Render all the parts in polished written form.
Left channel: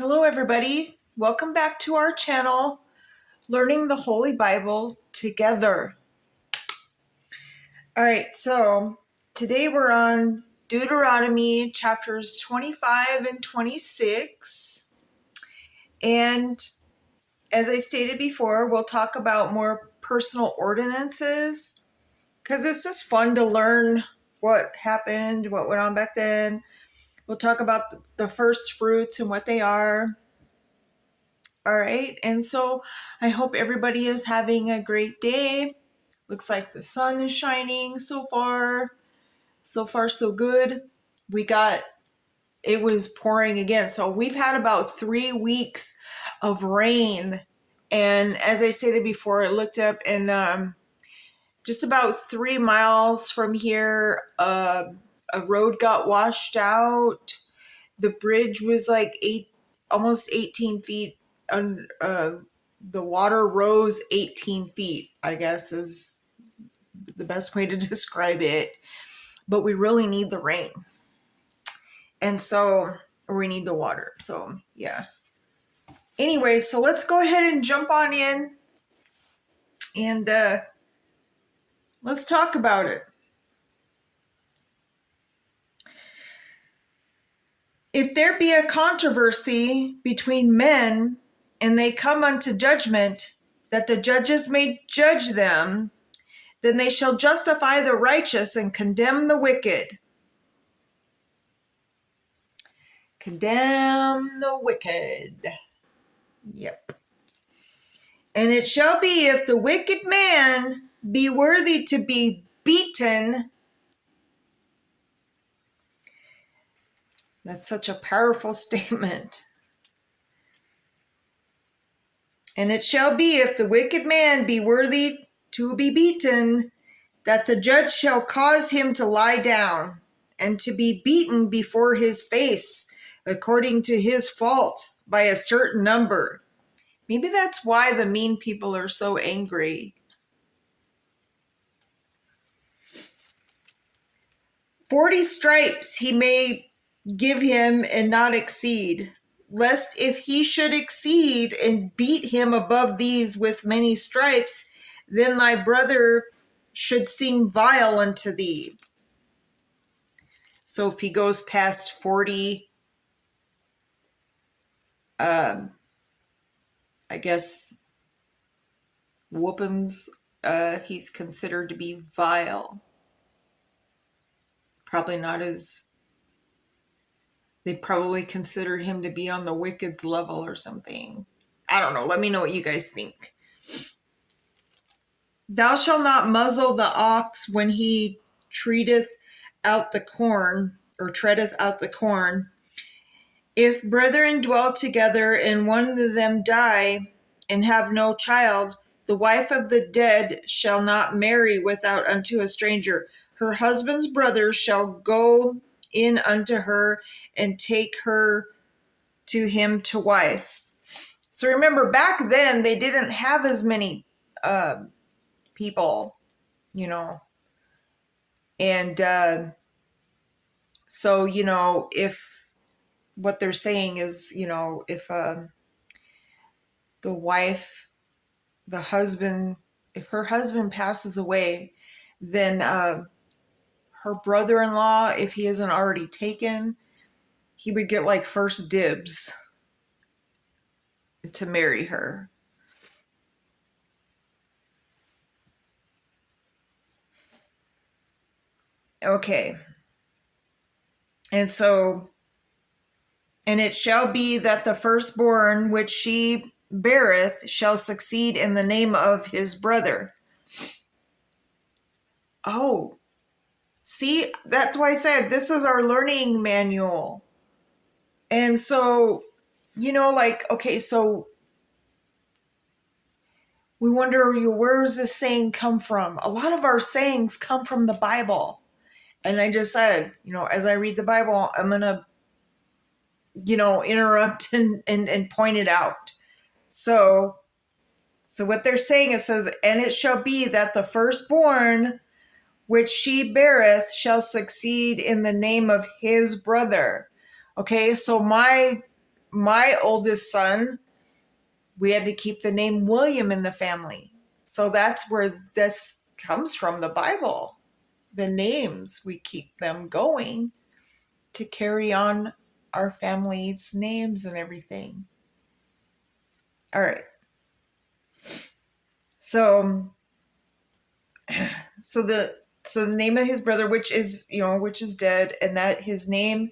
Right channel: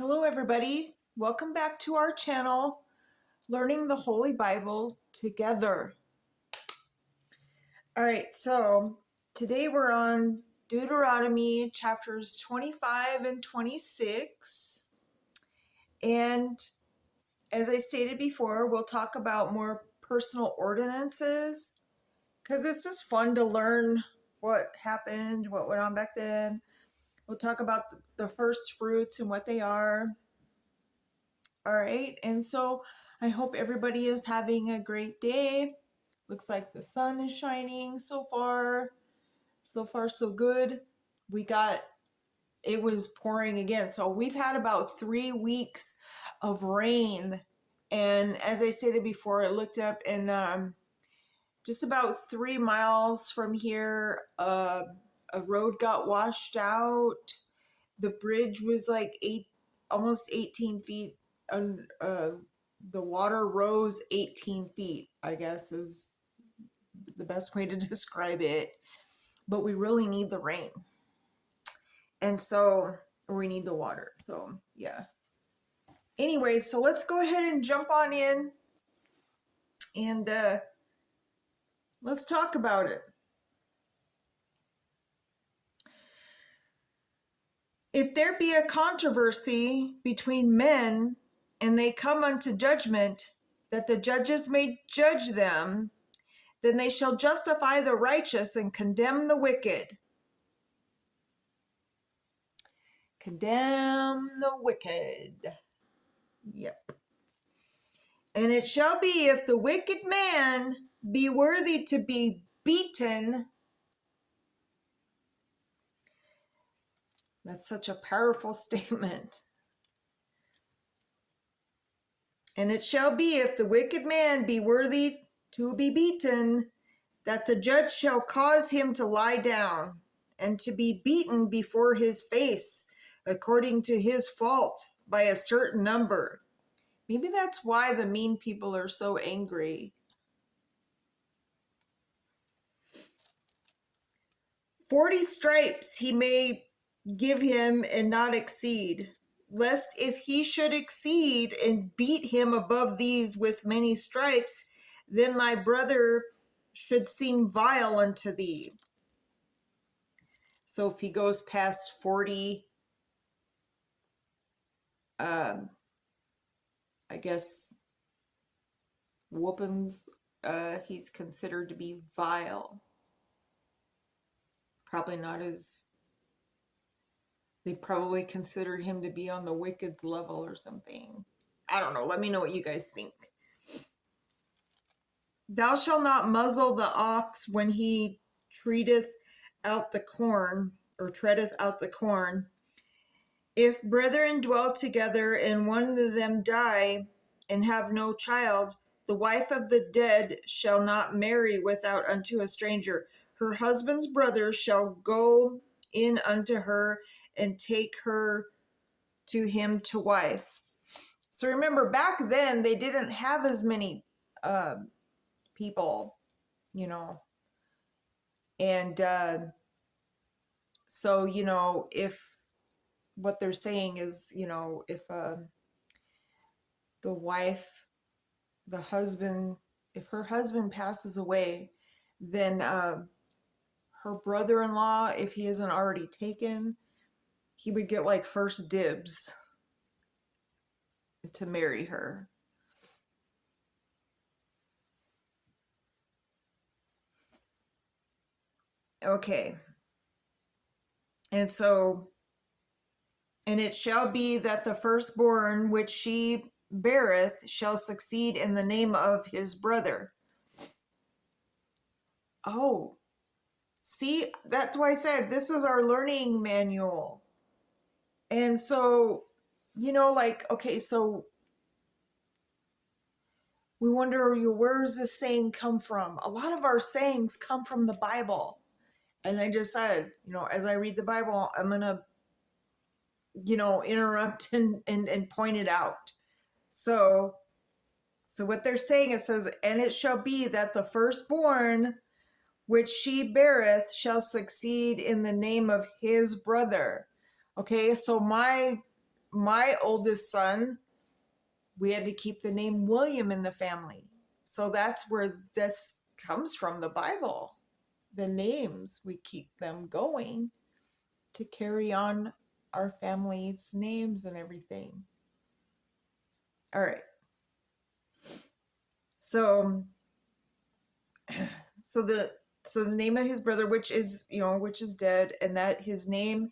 Hello everybody, welcome back to our channel, Learning the Holy Bible Together. Alright, so today we're on Deuteronomy chapters 25 and 26. And as I stated before, we'll talk about more personal ordinances because it's just fun to learn what happened, what went on back then. We'll talk about the first fruits and what they are. All right, and so I hope everybody is having a great day. Looks like the sun is shining so far. So far, so good. It was pouring again. So we've had about 3 weeks of rain. And as I stated before, I looked up and just about 3 miles from here, a road got washed out. The bridge was like almost 18 feet. The water rose 18 feet, I guess is the best way to describe it. But we really need the rain. And so we need the water. So yeah. Anyway, so let's go ahead and jump on in and let's talk about it. If there be a controversy between men, and they come unto judgment, that the judges may judge them, then they shall justify the righteous and condemn the wicked. Condemn the wicked. Yep. And it shall be, if the wicked man be worthy to be beaten. That's such a powerful statement. And it shall be, if the wicked man be worthy to be beaten, that the judge shall cause him to lie down, and to be beaten before his face, according to his fault, by a certain number. Maybe that's why the mean people are so angry. 40 stripes he may give him and not exceed, lest if he should exceed and beat him above these with many stripes, then thy brother should seem vile unto thee. So if he goes past 40, I guess, whoopings, he's considered to be vile. They probably consider him to be on the wicked's level or something. I don't know. Let me know what you guys think. Thou shalt not muzzle the ox when he treadeth out the corn. If brethren dwell together and one of them die and have no child, the wife of the dead shall not marry without unto a stranger. Her husband's brother shall go in unto her and take her to him to wife. So remember, back then they didn't have as many people, and so if what they're saying is, if if her husband passes away, then her brother-in-law, if he isn't already taken, he would get like first dibs to marry her. Okay. And it shall be that the firstborn which she beareth shall succeed in the name of his brother. Oh, see, that's why I said this is our learning manual. And so, okay, so we wonder, where does this saying come from? A lot of our sayings come from the Bible. And I just said, as I read the Bible, I'm going to, interrupt and point it out. So what they're saying, it says, and it shall be that the firstborn which she beareth shall succeed in the name of his brother. Okay, so my my oldest son, we had to keep the name William in the family. So that's where this comes from, the Bible. The names, we keep them going to carry on our family's names and everything. All right. So the name of his brother, which is dead, and that his name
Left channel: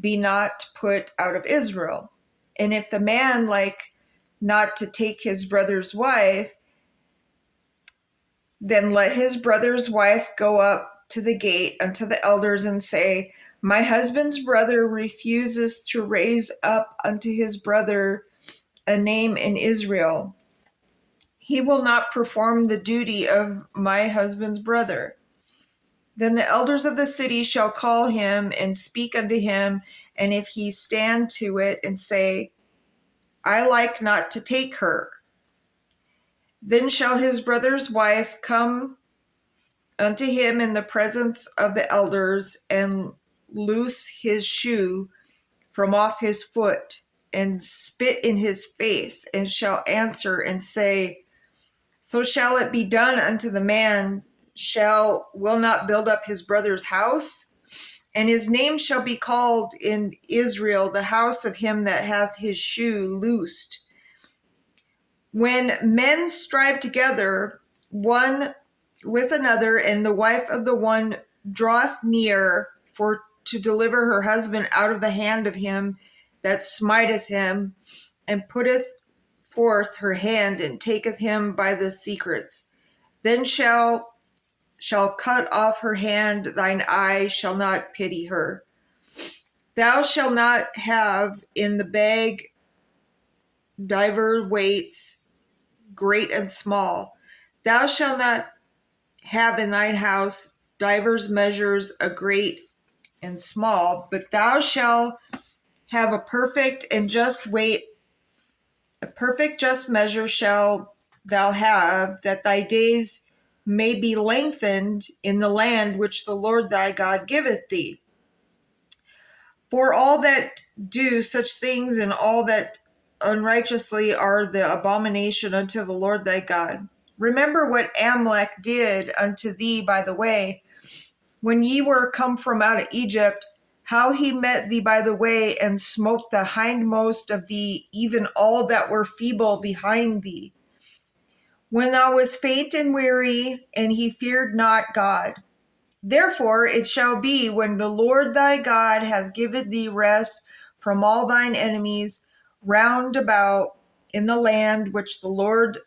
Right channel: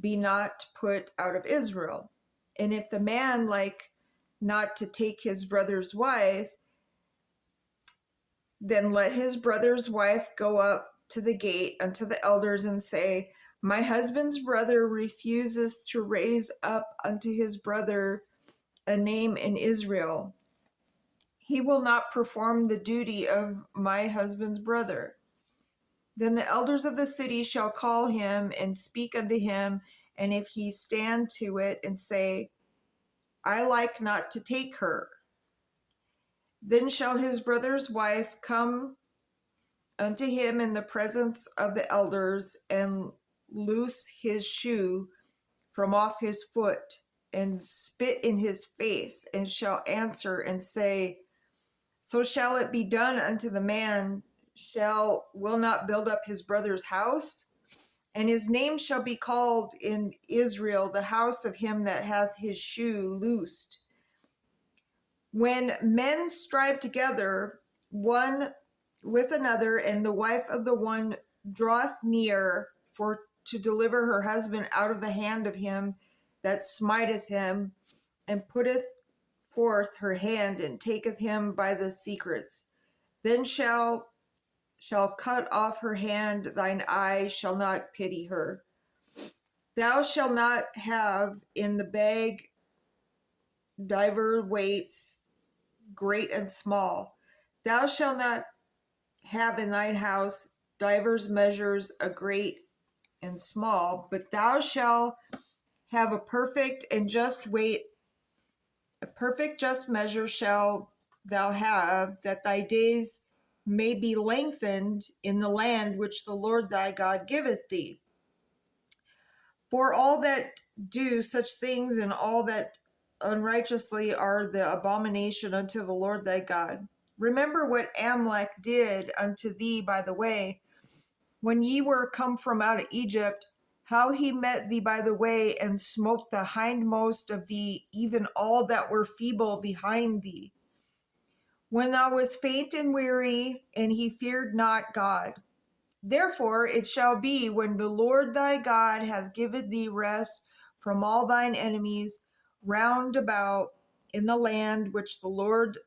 be not put out of Israel. And if the man like not to take his brother's wife, then let his brother's wife go up to the gate unto the elders and say, my husband's brother refuses to raise up unto his brother a name in Israel. He will not perform the duty of my husband's brother. Then the elders of the city shall call him and speak unto him, and if he stand to it and say, I like not to take her, then shall his brother's wife come unto him in the presence of the elders, and loose his shoe from off his foot, and spit in his face, and shall answer and say, so shall it be done unto the man will not build up his brother's house, and his name shall be called in Israel the house of him that hath his shoe loosed. When men strive together one with another, and the wife of the one draweth near for to deliver her husband out of the hand of him that smiteth him, and putteth forth her hand and taketh him by the secrets, then shall cut off her hand, thine eye shall not pity her. Thou shalt not have in the bag divers weights, great and small. Thou shalt not have in thine house divers measures, a great and small, but thou shalt have a perfect and just weight, a perfect just measure shall thou have, that thy days may be lengthened in the land which the Lord thy God giveth thee. For all that do such things and all that unrighteously are the abomination unto the Lord thy God. Remember what Amalek did unto thee by the way, when ye were come from out of Egypt, how he met thee by the way, and smote the hindmost of thee, even all that were feeble behind thee, when thou wast faint and weary, and he feared not God. Therefore it shall be, when the Lord thy God hath given thee rest from all thine enemies round about in the land which the Lord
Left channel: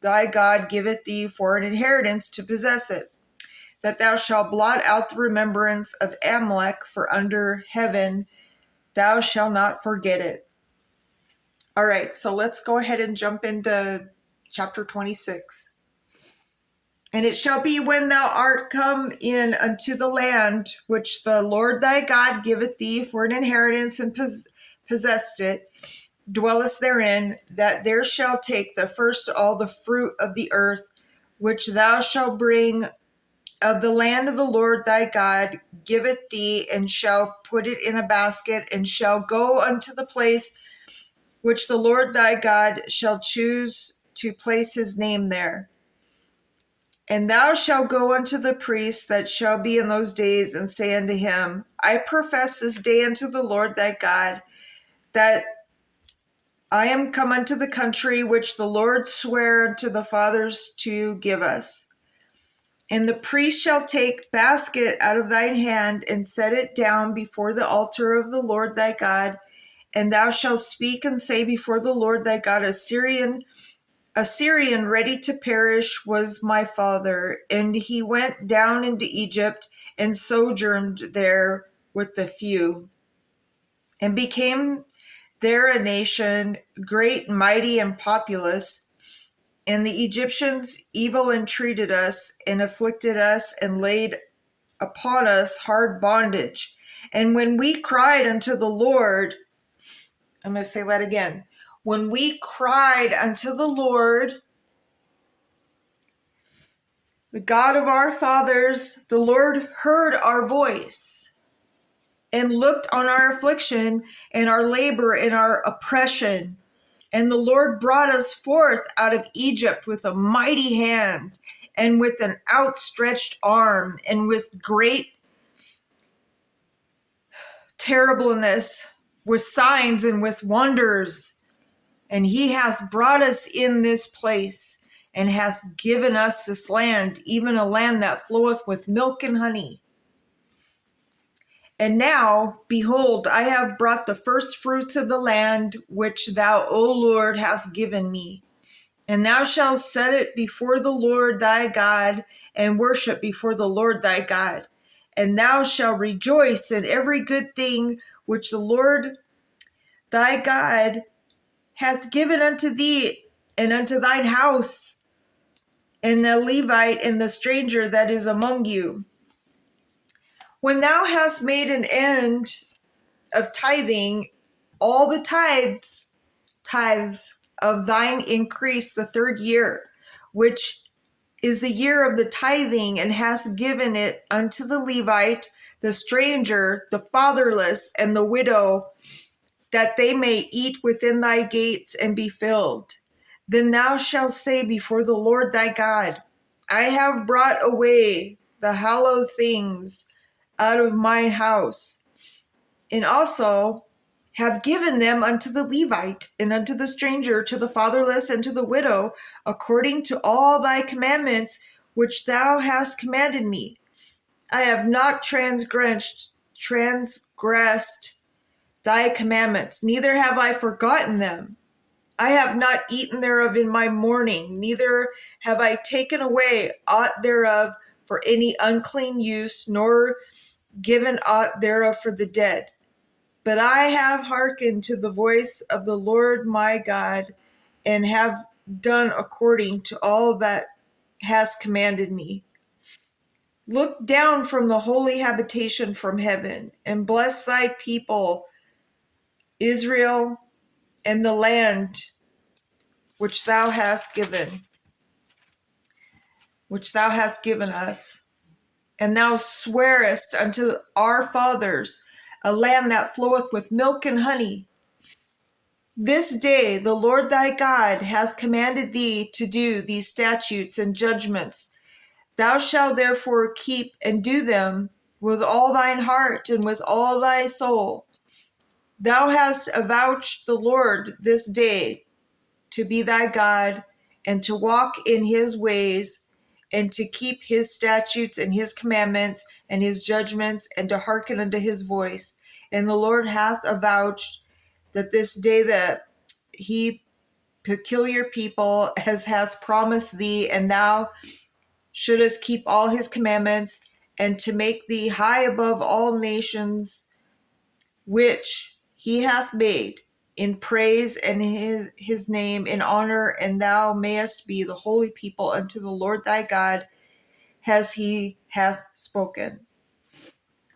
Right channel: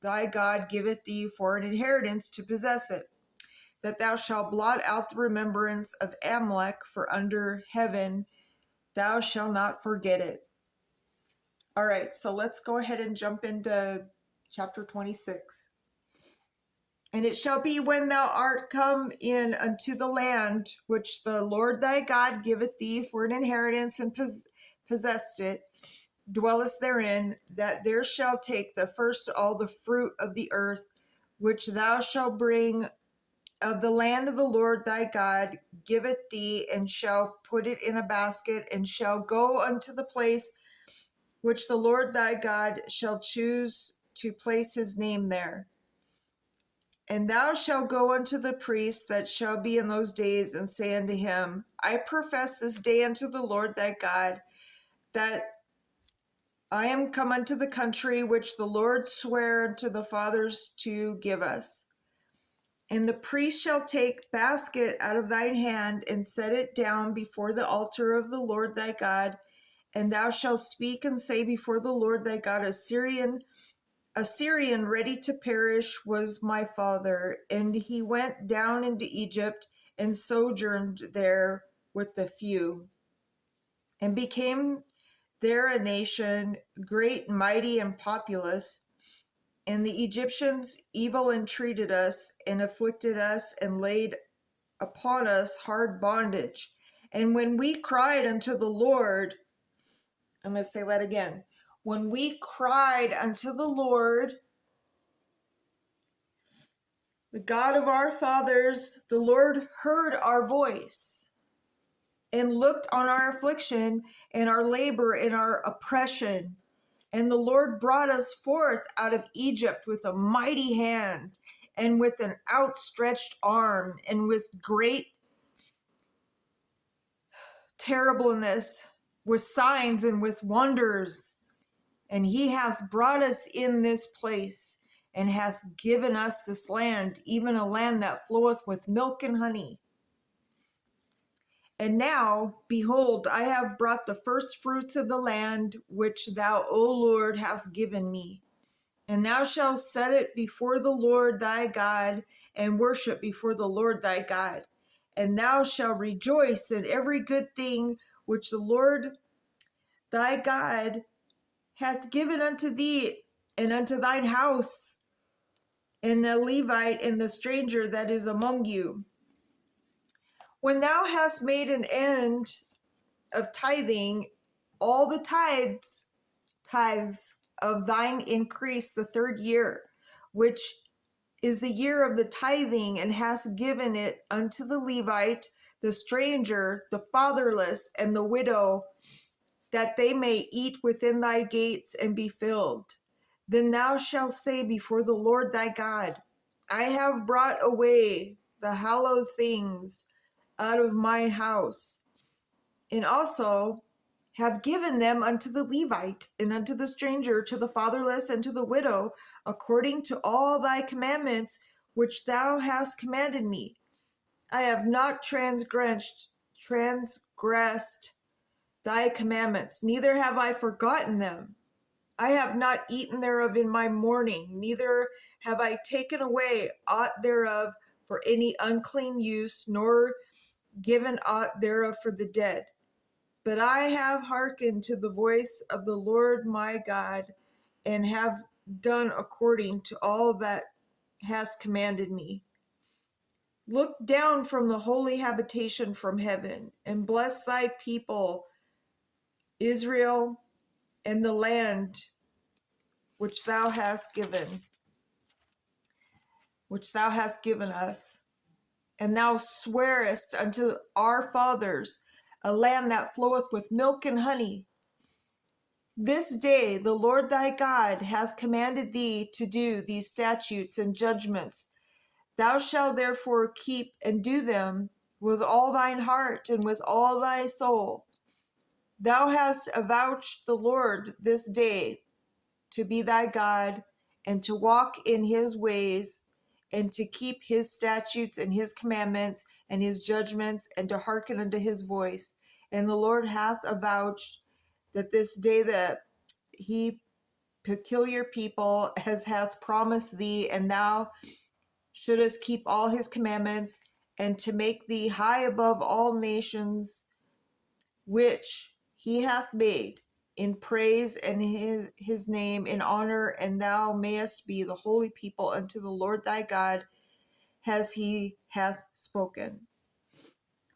thy God giveth thee for an inheritance to possess it, that thou shalt blot out the remembrance of Amalek for under heaven, thou shalt not forget it. All right, so let's go ahead and jump into chapter 26. And it shall be, when thou art come in unto the land which the Lord thy God giveth thee for an inheritance, and possessed it, dwellest therein, that there shall take the first all the fruit of the earth, which thou shalt bring of the land of the Lord thy God giveth thee, and shall put it in a basket, and shall go unto the place which the Lord thy God shall choose to place his name there. And thou shalt go unto the priest that shall be in those days, and say unto him, I profess this day unto the Lord thy God, that I am come unto the country which the Lord sware unto the fathers to give us. And the priest shall take basket out of thine hand, and set it down before the altar of the Lord thy God, and thou shalt speak and say before the Lord thy God, Assyrian ready to perish was my father, and he went down into Egypt and sojourned there with the few, and became there a nation great, mighty, and populous. And the Egyptians evil entreated us, and afflicted us, and laid upon us hard bondage. And when we cried unto the Lord, I'm going to say that again. When we cried unto the Lord, the God of our fathers, the Lord heard our voice, and looked on our affliction and our labor and our oppression. And the Lord brought us forth out of Egypt with a mighty hand and with an outstretched arm and with great terribleness, with signs and with wonders. And he hath brought us in this place and hath given us this land, even a land that floweth with milk and honey. And now, behold, I have brought the first fruits of the land which thou, O Lord, hast given me. And thou shalt set it before the Lord thy God, and worship before the Lord thy God. And thou shalt rejoice in every good thing which the Lord thy God hath given unto thee and unto thine house, and the Levite and the stranger that is among you. When thou hast made an end of tithing, all the tithes of thine increase the third year, which is the year of the tithing, and hast given it unto the Levite, the stranger, the fatherless, and the widow, that they may eat within thy gates and be filled. Then thou shalt say before the Lord thy God, I have brought away the hallowed things out of mine house, and also have given them unto the Levite, and unto the stranger, to the fatherless, and to the widow, according to all thy commandments which thou hast commanded me. I have not transgressed thy commandments, neither have I forgotten them. I have not eaten thereof in my mourning, neither have I taken away aught thereof for any unclean use, nor given aught thereof for the dead. But I have hearkened to the voice of the Lord my God, and have done according to all that has commanded me. Look down from the holy habitation from heaven, and bless thy people Israel, and the land which thou hast given us. And thou swearest unto our fathers a land that floweth with milk and honey. This day the Lord thy God hath commanded thee to do these statutes and judgments. Thou shalt therefore keep and do them with all thine heart and with all thy soul. Thou hast avouched the Lord this day to be thy God, and to walk in his ways, and to keep his statutes and his commandments and his judgments, and to hearken unto his voice. And the Lord hath avouched that this day that he peculiar people as hath promised thee, and thou shouldest keep all his commandments, and to make thee high above all nations which he hath made, in praise and his name in honor, and thou mayest be the holy people unto the Lord thy God, as he hath spoken.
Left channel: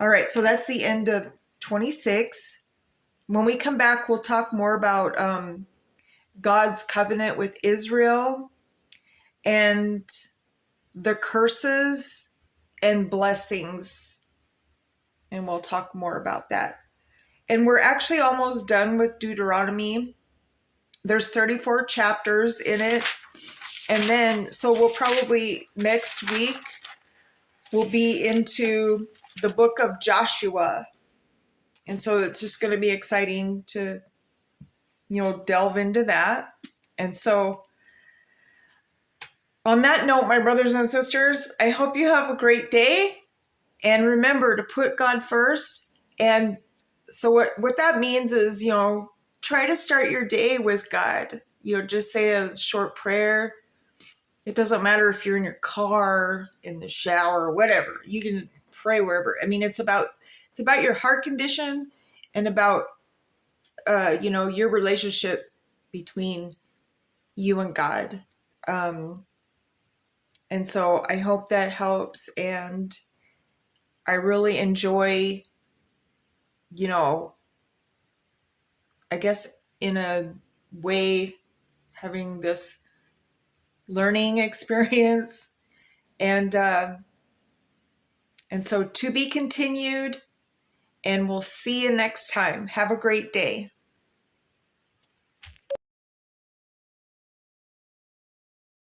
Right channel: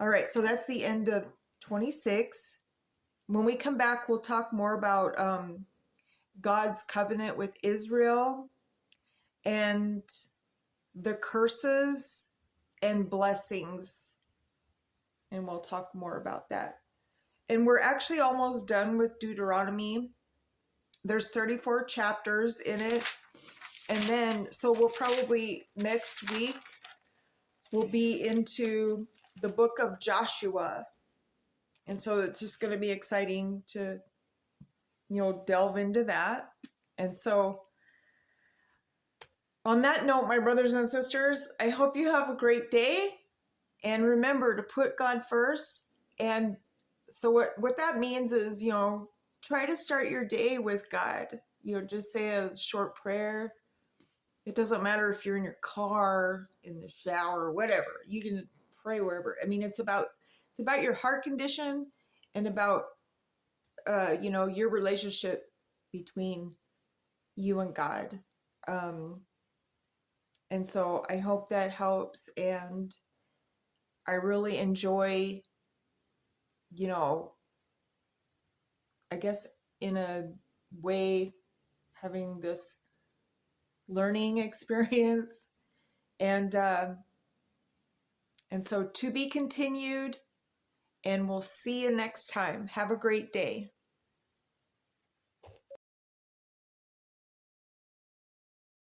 All right, so that's the end of 26. When we come back, we'll talk more about God's covenant with Israel and the curses and blessings, and we'll talk more about that. And we're actually almost done with Deuteronomy. There's 34 chapters in it. And then, so we'll probably next week, we'll be into the book of Joshua. And so it's just going to be exciting to, delve into that. And so on that note, my brothers and sisters, I hope you have a great day. And remember to put God first. And so what that means is, try to start your day with God. Just say a short prayer. It doesn't matter if you're in your car, in the shower, whatever. You can pray wherever. I mean, it's about your heart condition and about your relationship between you and God. And so I hope that helps. And I really enjoy, I guess in a way, having this learning experience. And so to be continued. and we'll see you next time. Have a great day.